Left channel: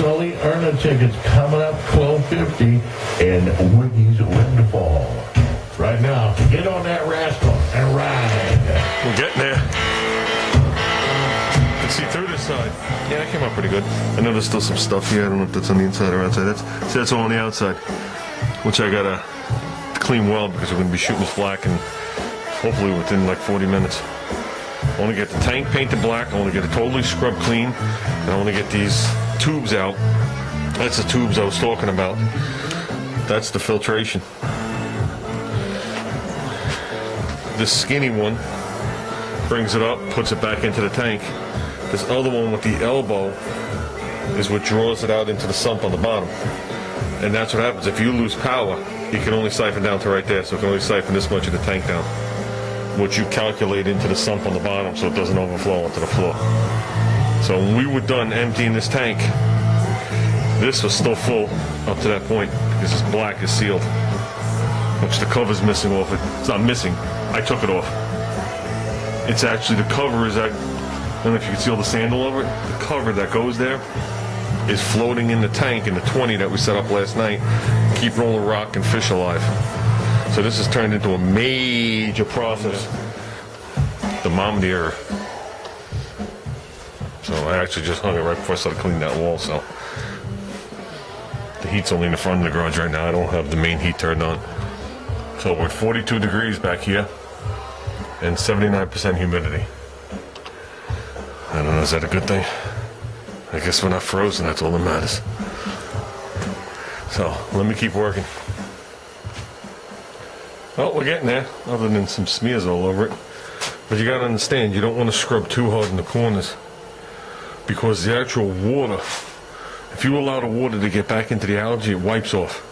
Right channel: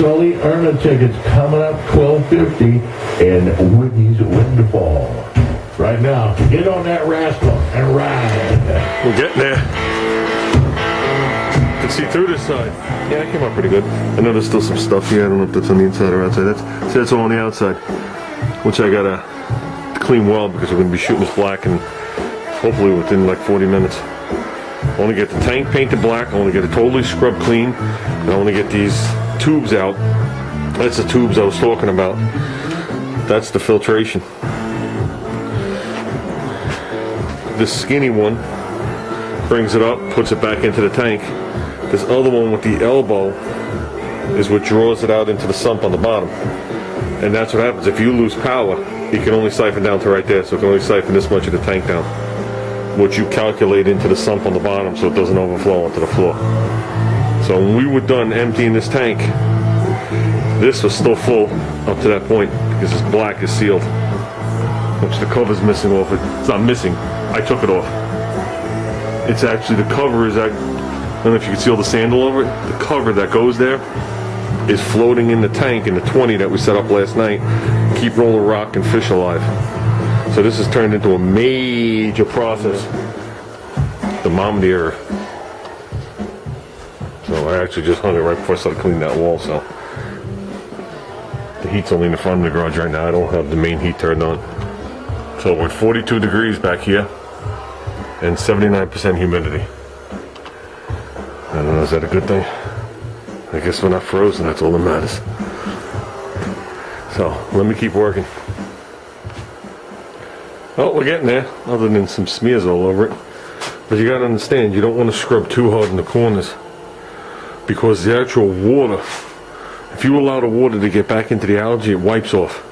Sully Erna tickets coming up 12:50 in Wiggy's Windfall. Right now, get on that rascal and ride. We're getting there. You can see through this side. Yeah, it came out pretty good. I know there's still some stuff here. I don't know if that's on the inside or outside. That's all on the outside, which I gotta clean well because we're gonna be shooting this black and hopefully within like 40 minutes. I want to get the tank painted black. I want to get it totally scrubbed clean, and I want to get these tubes out. That's the tubes I was talking about. That's the filtration. This skinny one brings it up, puts it back into the tank. This other one with the elbow is what draws it out into the sump on the bottom. And that's what happens. If you lose power, you can only siphon down to right there, so it can only siphon this much of the tank down, which you calculate into the sump on the bottom so it doesn't overflow onto the floor. So when we were done emptying this tank, this was still full up to that point because this black is sealed, which the cover's missing off it. It's not missing, I took it off. It's actually, the cover is, I don't know if you can see all the sand all over it. The cover that goes there is floating in the tank in the 20 that we set up last night. Keep rolling rock and fish alive. So this has turned into a major process. The mom deer. So I actually just hung it right before I started cleaning that wall, so. The heat's only in the front of the garage right now. I don't have the main heat turned on. So we're at 42 degrees back here and 79% humidity. I don't know, is that a good thing? I guess we're not frozen, that's all that matters. So let me keep working. Oh, we're getting there, other than some smears all over it. But you gotta understand, you don't want to scrub too hard in the corners, because the actual water, if you allow the water to get back into the algae, it wipes off.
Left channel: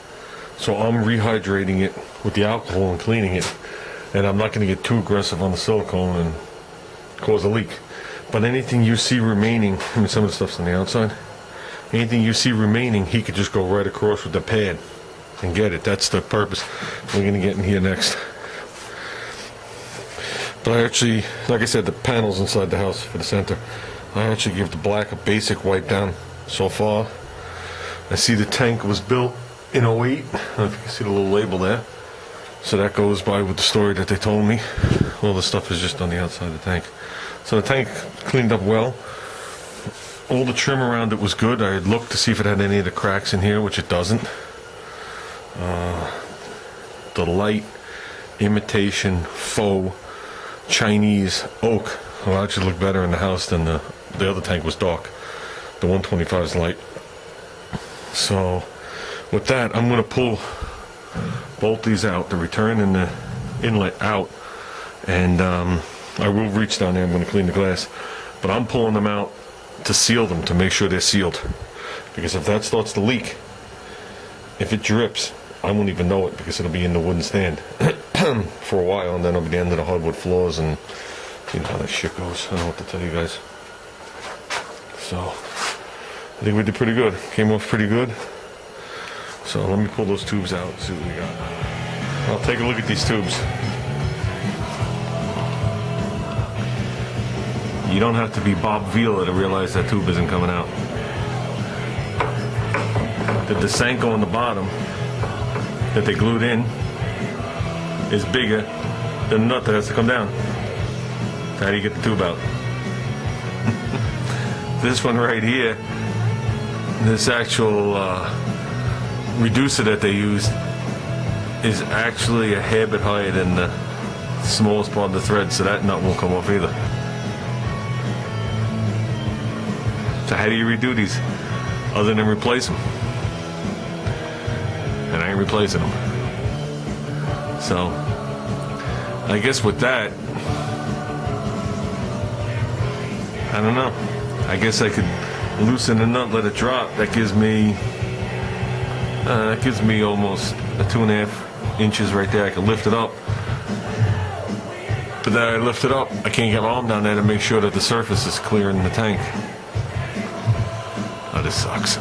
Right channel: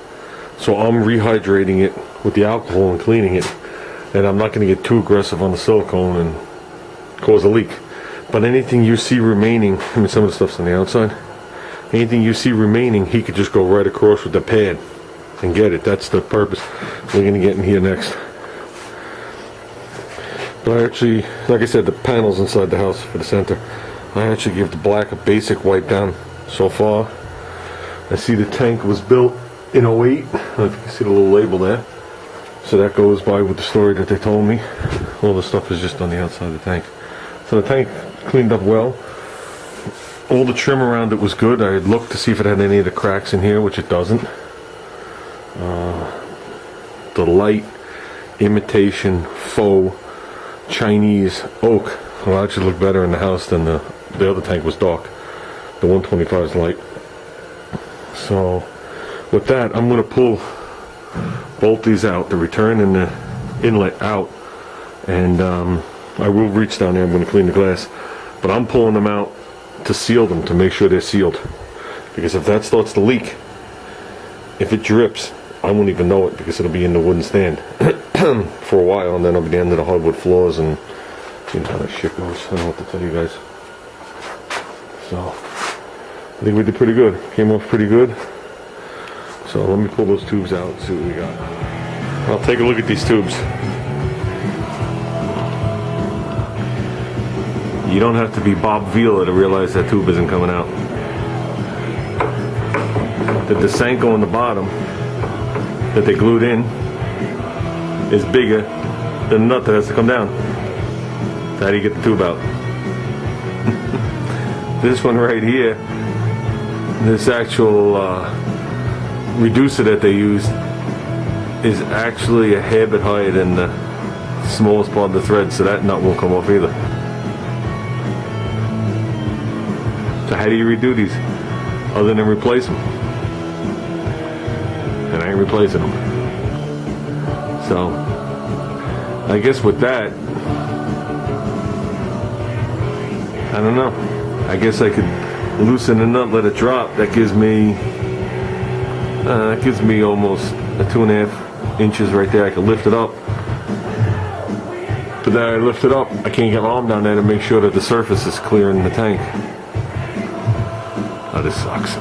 So I'm rehydrating it with the alcohol and cleaning it, and I'm not going to get too aggressive on the silicone and cause a leak. But anything you see remaining, I mean, some of the stuff's on the outside, anything you see remaining, he could just go right across with the pad and get it. That's the purpose. We're going to get in here next. But I actually, like I said, the panels inside the house for the center, I actually give the black a basic wipe down so far. I see the tank was built in 08. I don't know if you can see the little label there. So that goes by with the story that they told me. All the stuff is just on the outside of the tank. So the tank cleaned up well. All the trim around it was good. I had looked to see if it had any of the cracks in here, which it doesn't. The light imitation faux Chinese oak will actually look better in the house than the other tank was dark. The 125 is light. So with that, I'm going to pull both these out, the return and the inlet out, and I will reach down there. I'm going to clean the glass, but I'm pulling them out to seal them, to make sure they're sealed, because if that starts to leak, if it drips, I won't even know it, because it'll be in the wooden stand for a while, and then it'll be the end of the hardwood floors, and you know how that shit goes. I don't know what to tell you guys. So I think we did pretty good. Came off pretty good. So let me pull those tubes out and see what we got. I'll take a look at these tubes. You don't have to be Bob Vila to realize that tube isn't coming out. The Desanko on the bottom that they glued in is bigger than the nut that has to come down. So how do you get the tube out? This one right here, this actual reducer that they used is actually a hair bit higher than the smallest part of the thread, so that nut won't come off either. So how do you redo these other than replace them? And I ain't replacing them. So I guess with that, I don't know. I guess I could loosen the nut, let it drop. That gives me almost a 2.5 inches right there. I can lift it up. But then I lift it up, I can't get my arm down there to make sure that the surface is clear in the tank. Oh, this sucks.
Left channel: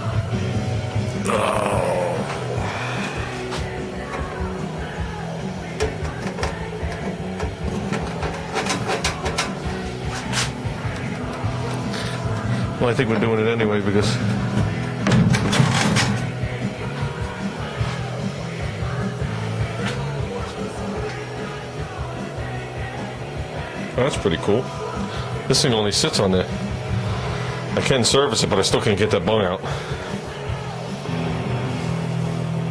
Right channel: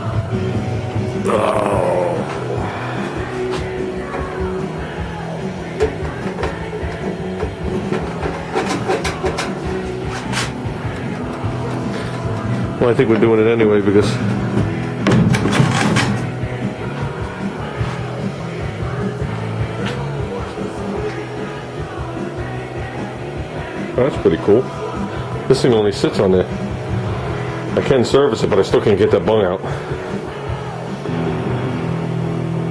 Oh. Well, I think we're doing it anyway because that's pretty cool. This thing only sits on there. I can service it, but I still can't get that bung out.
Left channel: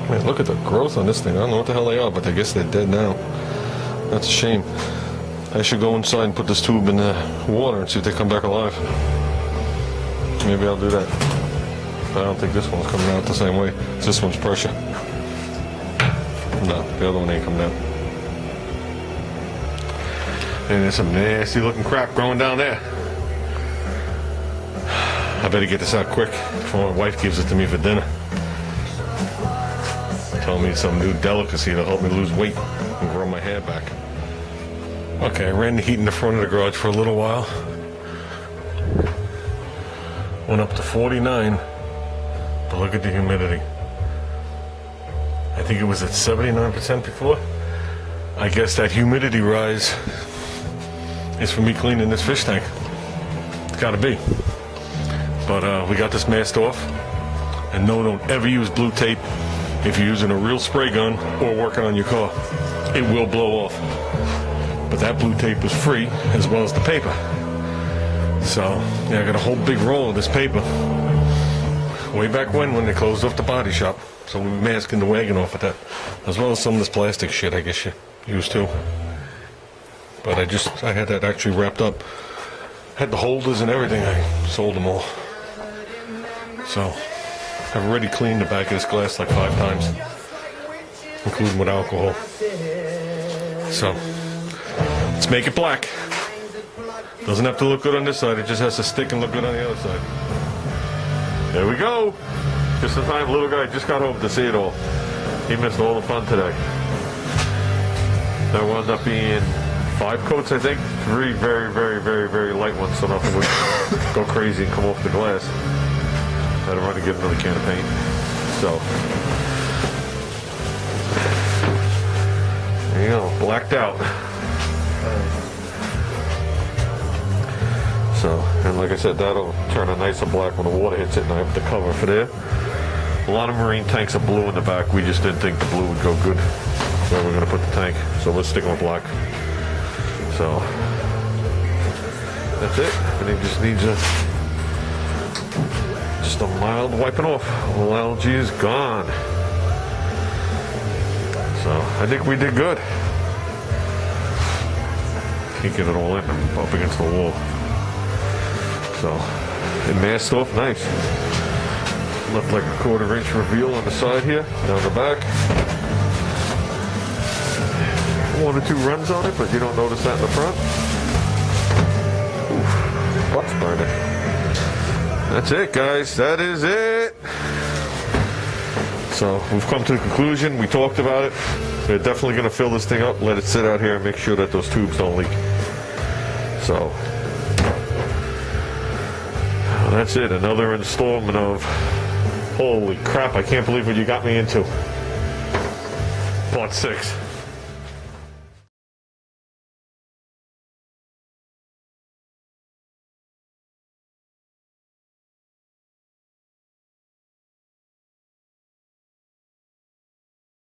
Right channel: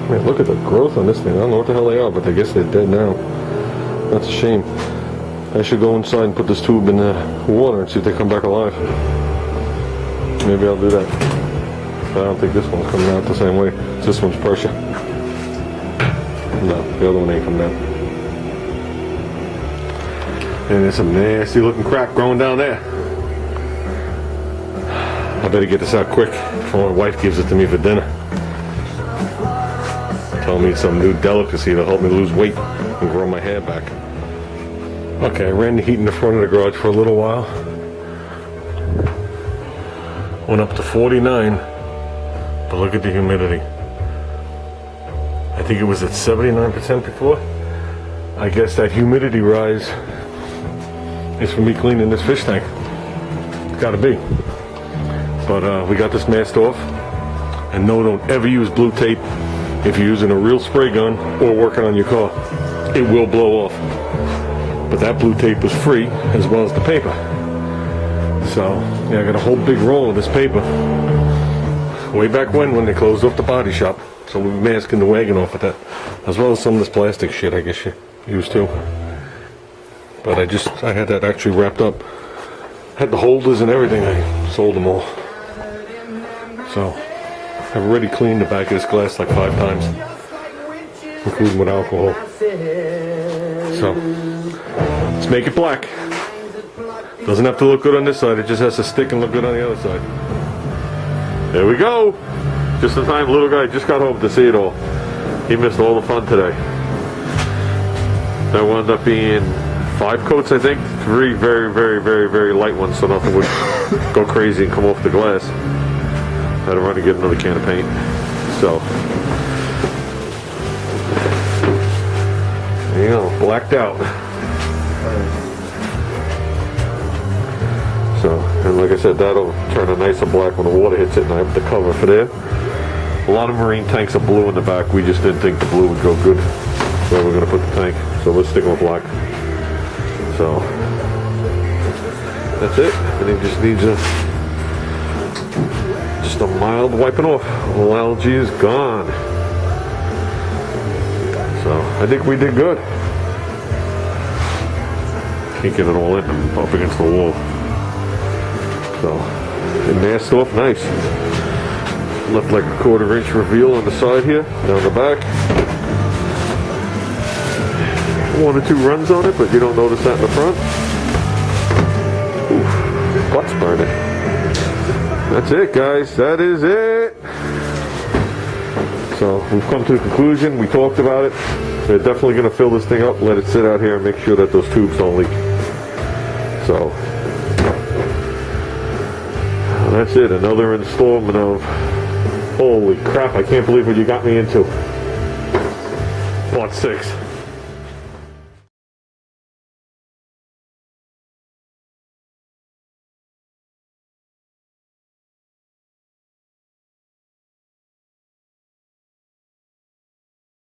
Man, look at the growth on this thing. I don't know what the hell they are, but I guess they're dead now. That's a shame. I should go inside and put this tube in the water and see if they come back alive. Maybe I'll do that. But I don't think this one's coming out the same way. This one's pressure. No, the other one ain't coming out. And there's some nasty looking crap growing down there. I better get this out quick before my wife gives it to me for dinner. Tell me it's some new delicacy to help me lose weight and grow my hair back. Okay, I ran the heat in the front of the garage for a little while. Went up to 49, but look at the humidity. I think it was at 79% before. I guess that humidity rise is for me cleaning this fish tank. It's gotta be. But we got this masked off. And no, don't ever use blue tape if you're using a real spray gun or working on your car. It will blow off. But that blue tape was free as well as the paper. So, yeah, I got a whole big roll of this paper. Way back when they closed off the body shop. So we'll be masking the wagon off with that. As well as some of this plastic shit I guess you use too. But I had that actually wrapped up. Had the holders and everything. I sold them all. So, I've already cleaned the back of this glass like 5 times. Including with alcohol. So, let's make it black. Doesn't have to look good on this side, it just has to stick and look good on the other side. There we go! Just in time, little guy just got home to see it all. He missed all the fun today. There wound up being 5 coats, I think. 3 very, very, very, very light ones, so nothing would go crazy and come off the glass. I had to run and get another can of paint. So, there you go, blacked out. So, and like I said, that'll turn a nicer black when the water hits it, and I have the cover for there. A lot of marine tanks are blue in the back. We just didn't think the blue would go good where we're going to put the tank. So we're sticking with black. So, that's it. Everything just needs just a mild wiping off. All algae is gone. So, I think we did good. Can't get it all in up against the wall. So, it masked off nice. Left like a 1/4 inch reveal on the side here, down the back. 1 or 2 runs on it, but you don't notice that in the front. Oof, butt's burning. That's it, guys. That is it. So, we've come to the conclusion. We talked about it. We're definitely going to fill this thing up, let it sit out here, and make sure that those tubes don't leak. So, that's it. Another installment of, holy crap, I can't believe what you got me into. Part 6.